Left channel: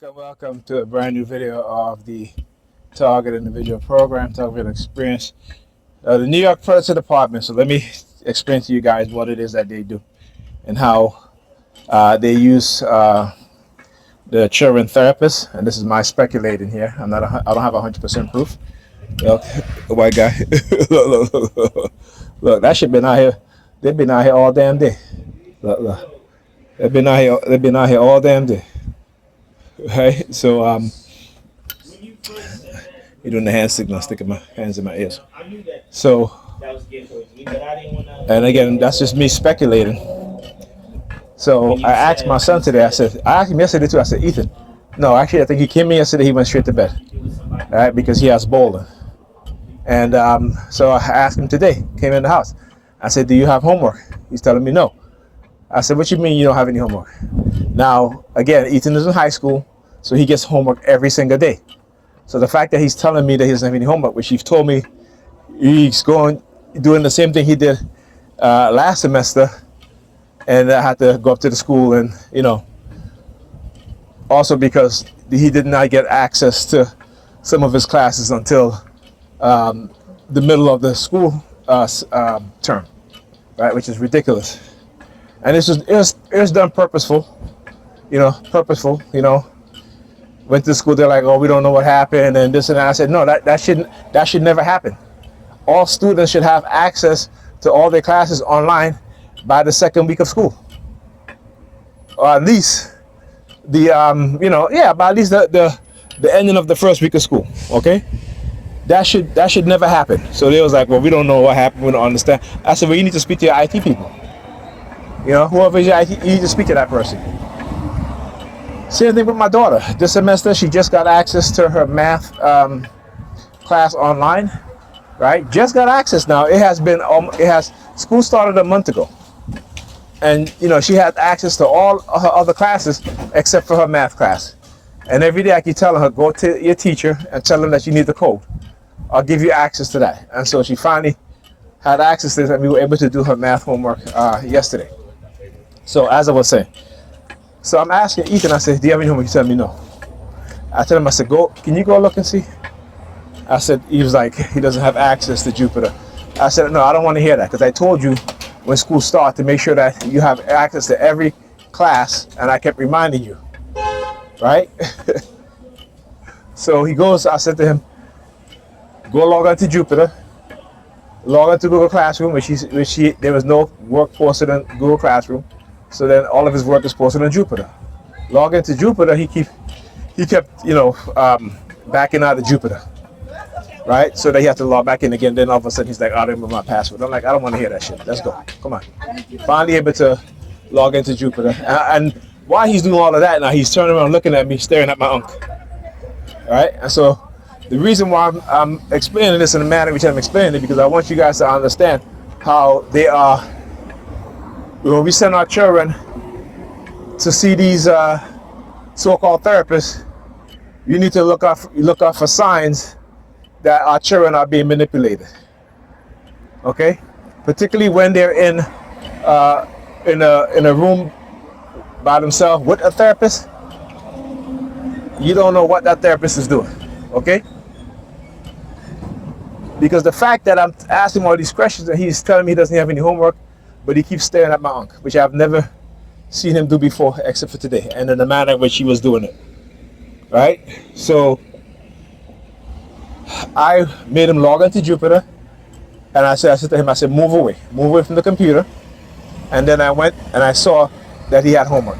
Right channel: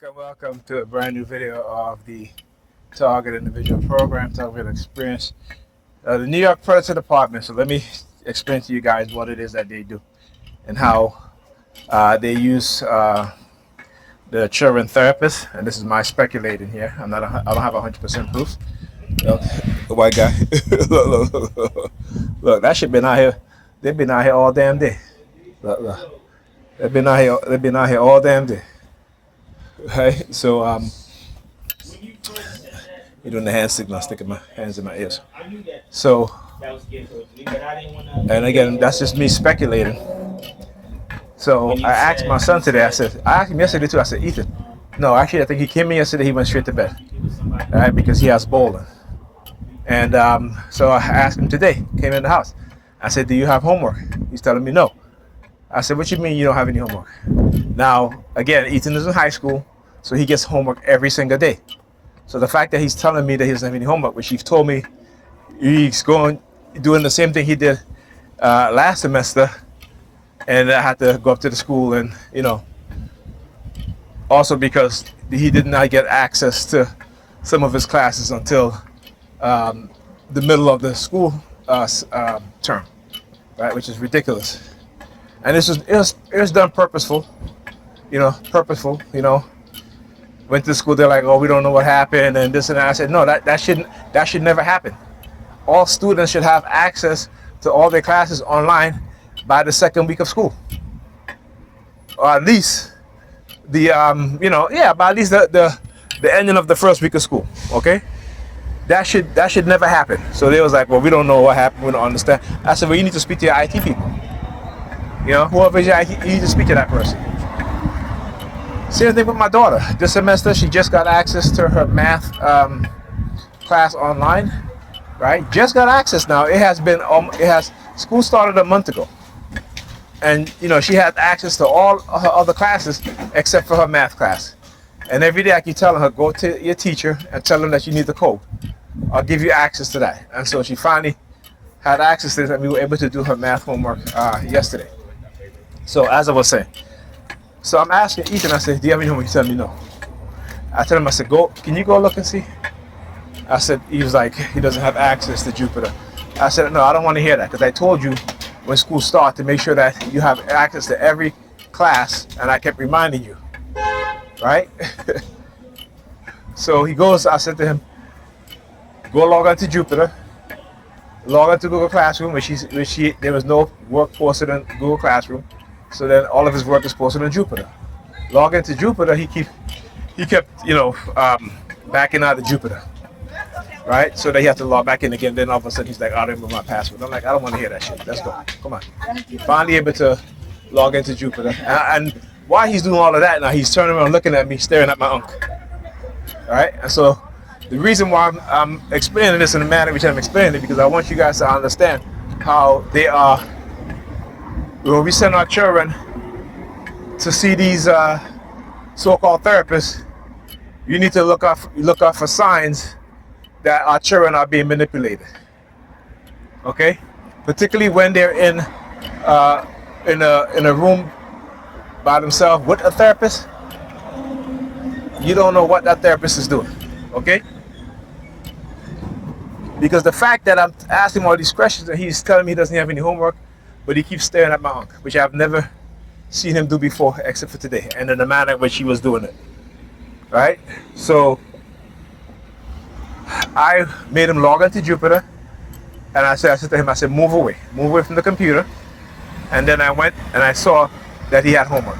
Welcome to a brand new video of the Target Individual Program, Target Experience, the New York Furniture Department. So let me explain to you guys what it is that they do and how they use the children therapists. And this is my speculating here. I don't have 100% proof. Look, the white guy. Look, that shit been out here. They've been out here all damn day. Look. They've been out here. They've been out here all damn day. Right. So you're doing the hand signal, sticking my hands in my ears. So, and again, that's just me speculating. So I asked my son today. I asked him yesterday too. I said, Ethan, no, actually, I think he came in yesterday. He went straight to bed, all right, because he has bowling. And so I asked him today. Came in the house. I said, do you have homework? He's telling me no. I said, what you mean you don't have any homework? Now, again, Ethan is in high school, so he gets homework every single day. So the fact that he's telling me that he doesn't have any homework, which he's told me he's doing the same thing he did last semester, and I had to go up to the school and, also because he did not get access to some of his classes until the middle of the school term, right, which is ridiculous. And it was done purposeful, purposeful. Went to school, they're like, oh, we don't know what happened and this and that. I said, no, that should never happen. All students should have access to all their classes online by the second week of school, or at least by at least the ending of the first week of school. Okay, that should never happen. So they was like, well, we don't know what happened, we don't understand. I said, well, you need to speak to your IT people. Whoever is your IT, you need to speak to that person. Same thing with my daughter. This semester, she just got access to her math class online, right? Just got access now. School started a month ago. And, she had access to all her other classes except for her math class. And every day I keep telling her, go to your teacher and tell them that you need the code. I'll give you access to that. And so she finally had access to it, and we were able to do her math homework yesterday. So as I was saying, so I'm asking Ethan, I said, do you have any homework? He said me no. I told him, I said, can you go look and see? I said, he was like, he doesn't have access to Jupyter. I said, no, I don't want to hear that, because I told you when school starts to make sure that you have access to every class, and I kept reminding you, right? So he goes, I said to him, go log on to Jupyter, log on to Google Classroom, there was no work posted in Google Classroom. So then all of his work is posted on Jupyter. Log into Jupyter, he kept backing out of Jupyter, right? So then he had to log back in again. Then all of a sudden he's like, I don't remember my password. I'm like, I don't want to hear that shit. Let's go. Come on. Finally able to log into Jupyter. And while he's doing all of that now, he's turning around looking at me, staring at my uncle. All right? And so the reason why I'm explaining this in the manner in which I'm explaining it, because I want you guys to understand how they are. When we send our children to see these so-called therapists, you need to look out for signs that our children are being manipulated. Okay, particularly when they're in a room by themselves with a therapist. You don't know what that therapist is doing. Okay, because the fact that I'm asking all these questions and he's telling me he doesn't have any homework, but he keeps staring at my uncle, which I've never seen him do before except for today, and in the manner in which he was doing it. Right? So I made him log into Jupyter, and I said to him, I said, move away from the computer. And then I went and I saw that he had homework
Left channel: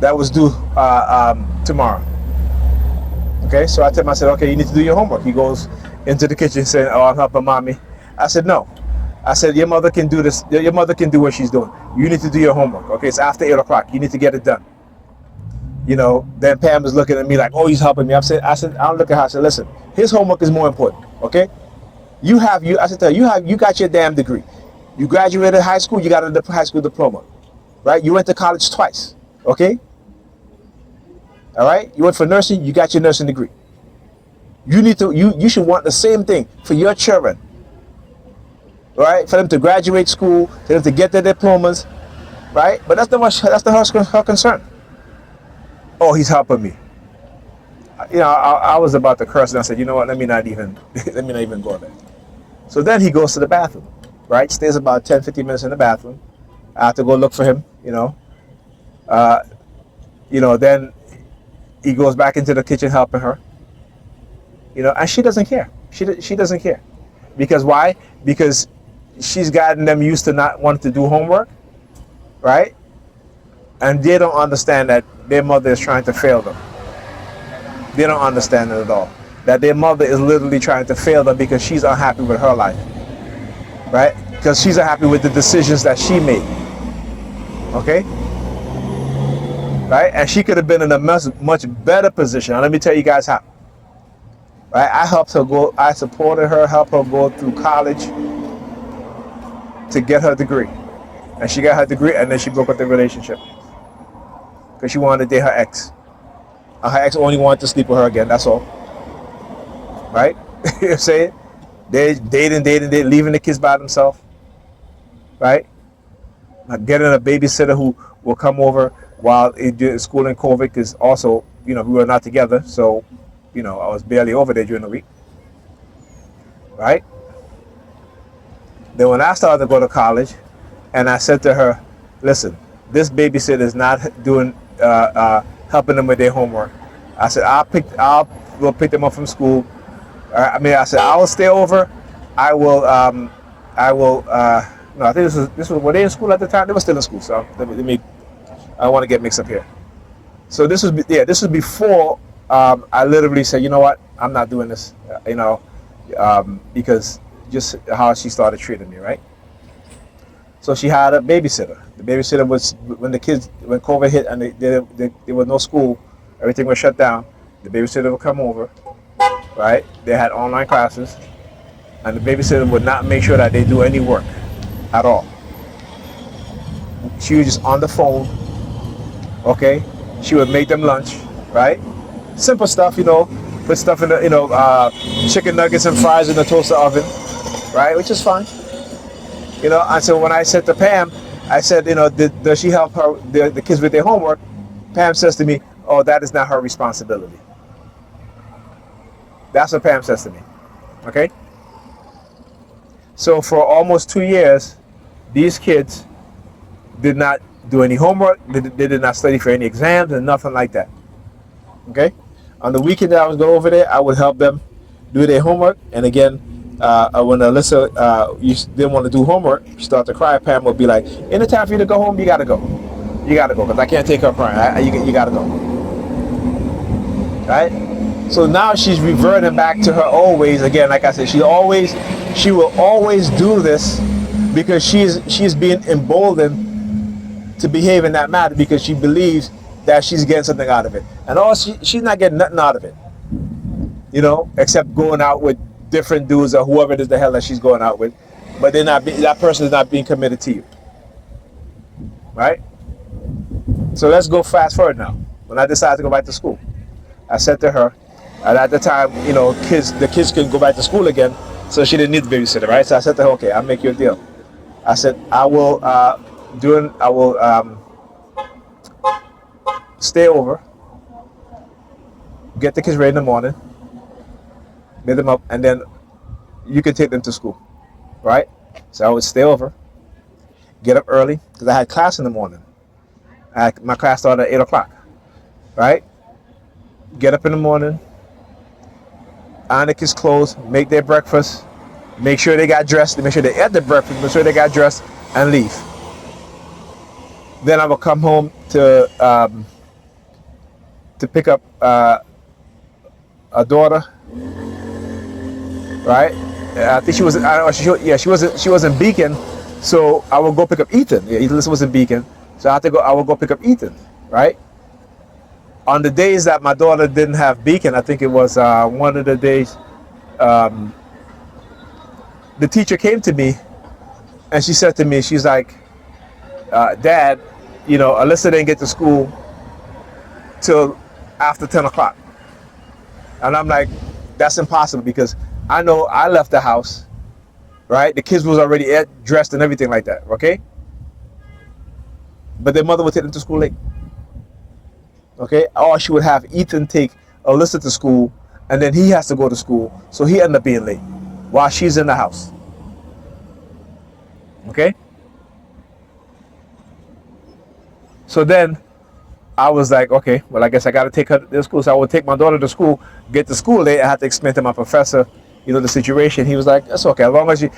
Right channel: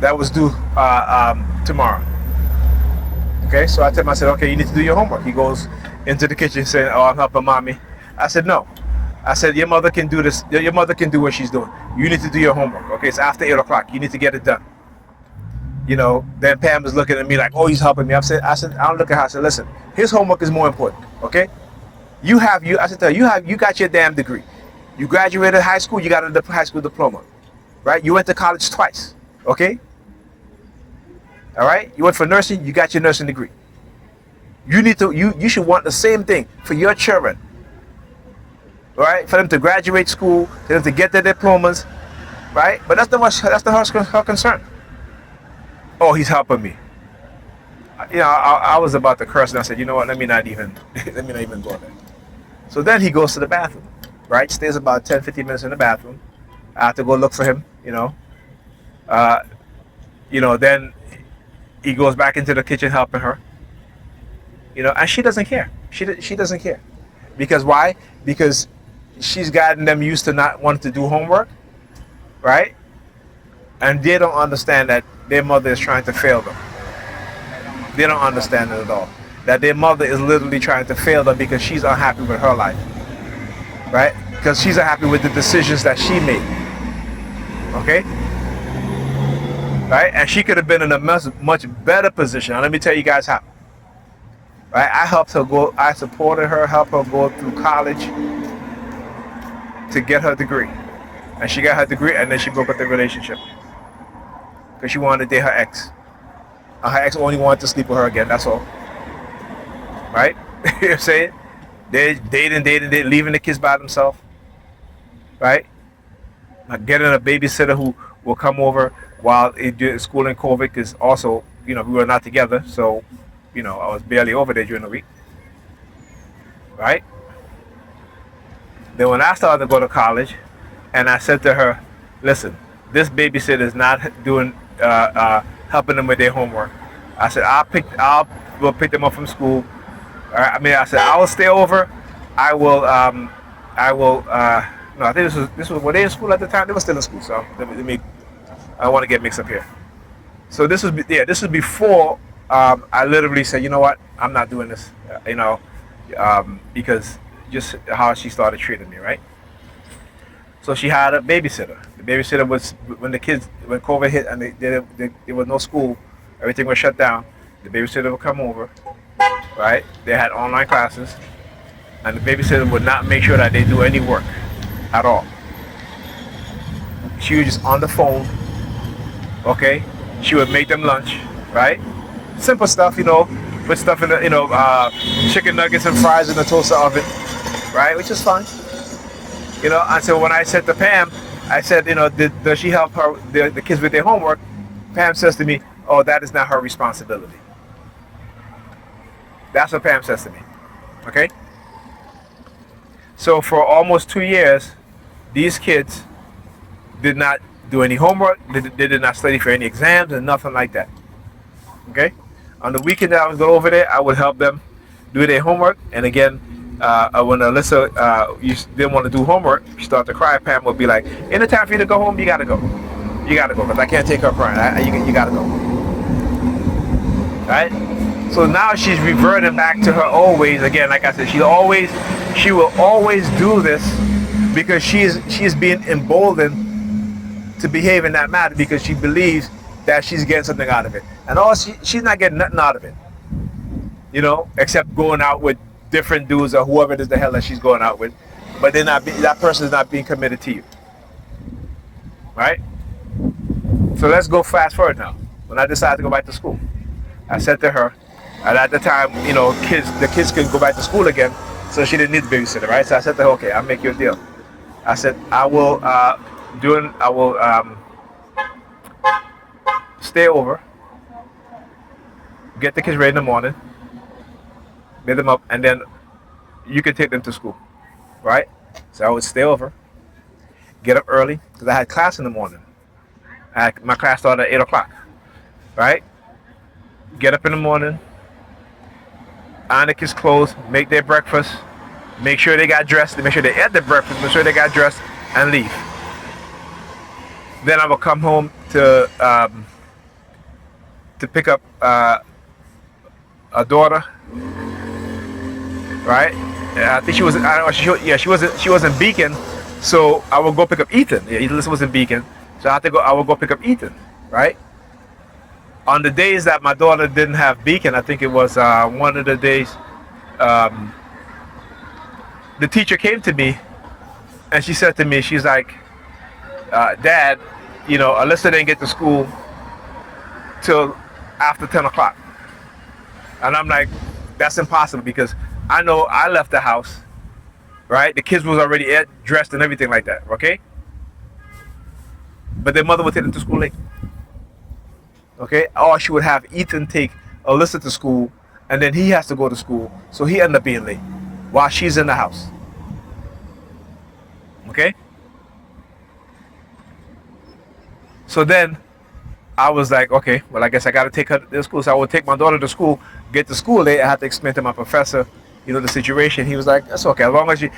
that was due tomorrow. Okay, so I told him, I said, okay, you need to do your homework. He goes into the kitchen saying, oh, I'm helping mommy. I said, no. I said, your mother can do this. Your mother can do what she's doing. You need to do your homework. Okay, it's after 8 o'clock. You need to get it done. Then Pam was looking at me like, oh, he's helping me. I said, I'll look at her. I said, listen, his homework is more important. Okay, I said to her, you got your damn degree. You graduated high school. You got a high school diploma, right? You went to college twice. Okay, all right. You went for nursing. You got your nursing degree. You should want the same thing for your children. Right, for them to graduate school, for them to get their diplomas, right? But that's her concern. Oh, he's helping me. I was about to curse, and I said, you know what? Let me not even go there. So then he goes to the bathroom, right? Stays about 10, 15 minutes in the bathroom. I have to go look for him, Uh, then he goes back into the kitchen helping her, and she doesn't care. She doesn't care. Because why? Because she's gotten them used to not wanting to do homework, right? And they don't understand that their mother is trying to fail them. They don't understand it at all. That their mother is literally trying to fail them because she's unhappy with her life, right? Because she's unhappy with the decisions that she made, okay? Right? And she could have been in a much better position. And let me tell you guys how. Right? I helped her go. I supported her, helped her go through college to get her degree, and she got her degree, and then she broke up the relationship because she wanted to date her ex. Her ex only wanted to sleep with her again. That's all. Right? You know what I'm saying? They dating, leaving the kids by themselves. Right? Like getting a babysitter who will come over while it did school in COVID, because also, we were not together, so, I was barely over there during the week. Right? Then when I started to go to college, and I said to her, listen, this babysitter is not doing helping them with their homework. I said, we'll pick them up from school. I said, I will stay over. I will no, I think this was, were they in school at the time? They were still in school, so let me I don't want to get mixed up here. So this was before I literally said, you know what, I'm not doing this, because just how she started treating me, right? So she had a babysitter. The babysitter was, when COVID hit and there was no school, everything was shut down, the babysitter would come over, right? They had online classes, and the babysitter would not make sure that they do any work at all. She was just on the phone, okay? She would make them lunch, right? Simple stuff, put stuff in the, chicken nuggets and fries in the toaster oven, right? Which is fine. And so when I said to Pam, I said, does she help her the kids with their homework? Pam says to me, oh, that is not her responsibility. That's what Pam says to me, okay? So for almost 2 years, these kids did not do any homework. They did not study for any exams and nothing like that, okay? On the weekend that I was going over there, I would help them do their homework. And again, when Alyssa didn't want to do homework, she started to cry. Pam would be like, anytime for you to go home, you got to go. You got to go, because I can't take her crying. You got to go. Right? So now she's reverting back to her old ways again. Like I said, she will always do this because she's being emboldened to behave in that manner because she believes that she's getting something out of it. And she's not getting nothing out of it, except going out with different dudes or whoever it is the hell that she's going out with. But that person is not being committed to you. Right? So let's go fast forward now. When I decided to go back to school, I said to her, and at the time, the kids could go back to school again, so she didn't need the babysitter, right? So I said to her, okay, I'll make you a deal. I said, I will stay over, get the kids ready in the morning, make them up, and then you can take them to school, right? So I would stay over, get up early, because I had class in the morning. My class started at 8 o'clock, right? Get up in the morning, iron the kids' clothes, make their breakfast, make sure they got dressed, make sure they ate their breakfast, make sure they got dressed, and leave. Then I will come home to pick up a daughter, right? I think she was. She was in Beacon, so I will go pick up Ethan. Yeah, Ethan was in Beacon, so I will go pick up Ethan, right? On the days that my daughter didn't have Beacon, I think it was one of the days, the teacher came to me, and she said to me, she's like, Dad, Alyssa didn't get to school till after 10 o'clock. And I'm like, that's impossible, because I know I left the house, right? The kids was already dressed and everything like that, okay? But their mother would take them to school late, okay? Or she would have Ethan take Alyssa to school, and then he has to go to school, so he ended up being late while she's in the house. Okay? So then I was like, okay, well, I guess I got to take her to school. So I would take my daughter to school, get to school late. I had to explain to my professor, the situation. He was like, that's okay. As long as you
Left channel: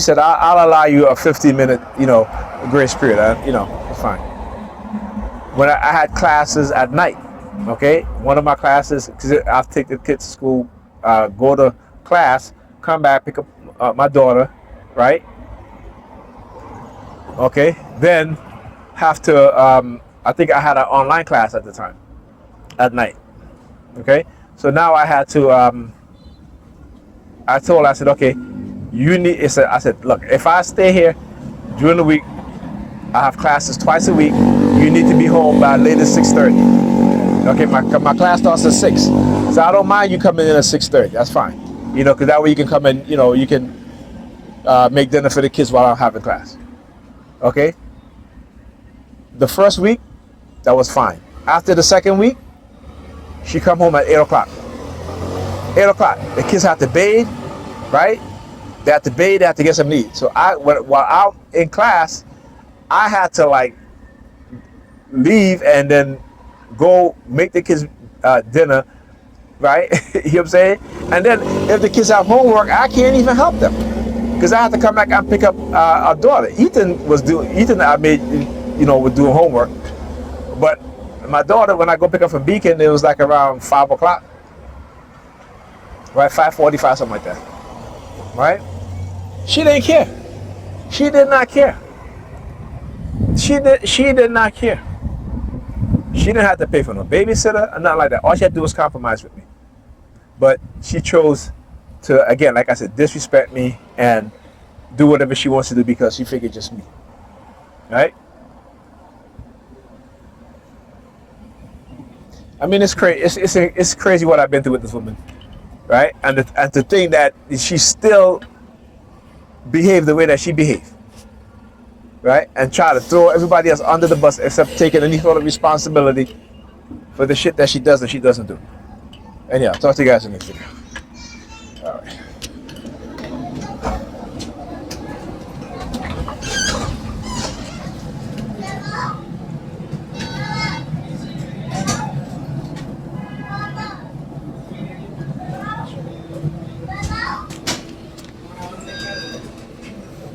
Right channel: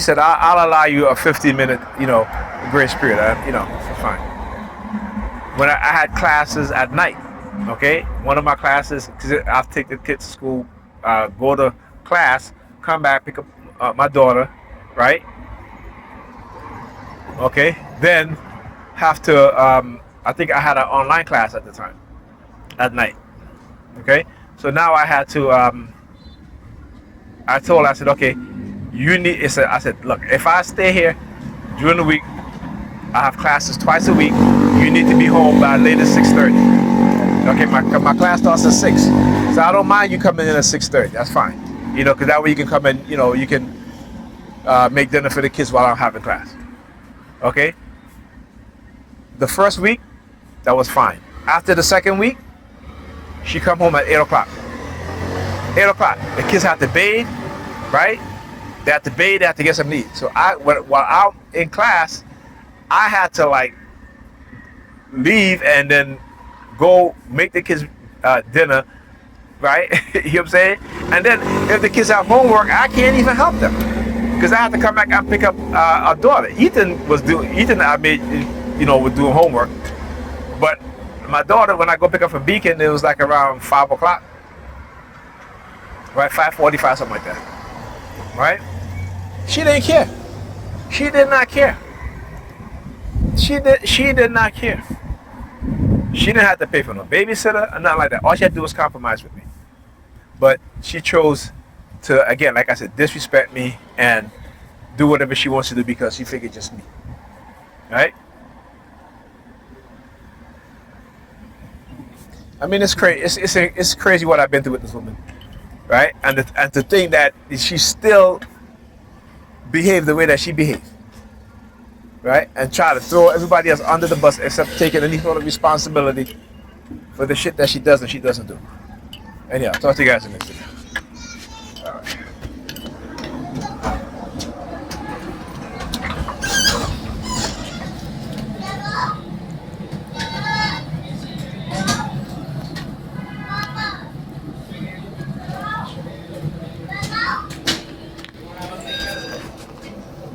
said, I'll allow you a 15-minute, grace period. Fine. When I had classes at night, okay, one of my classes, because I'll take the kids to school, go to class, come back, pick up my daughter, right? Okay, then have to, I think I had an online class at the time, at night, okay? So now I had to, I said, okay, I said, look, if I stay here during the week, I have classes twice a week, you need to be home by latest 6:30. Okay, my class starts at 6, so I don't mind you coming in at 6:30. That's fine, because that way you can come in, you can make dinner for the kids while I'm having class. Okay. The first week, that was fine. After the second week, she come home at 8 o'clock. 8 o'clock. The kids have to bathe, right? They have to bathe. They have to get some to eat. So while I'm in class, I had to leave and then go make the kids dinner, right? You know what I'm saying? And then if the kids have homework, I can't even help them because I have to come back and pick up our daughter. Ethan, I made, was doing homework, but my daughter, when I go pick up from Beacon, it was like around 5 o'clock, right? 5:45, something like that, right? She didn't care. She did not care. She did not care. She didn't have to pay for no babysitter or nothing like that. All she had to do was compromise with me. But she chose to, again, like I said, disrespect me and do whatever she wants to do because she figured just me, right? I mean, it's crazy. It's crazy what I've been through with this woman, right? And to think that she still behaved the way that she behaved, right? And try to throw everybody else under the bus except taking any sort of responsibility for the shit that she does and she doesn't do. Anyhow, talk to you guys in this video.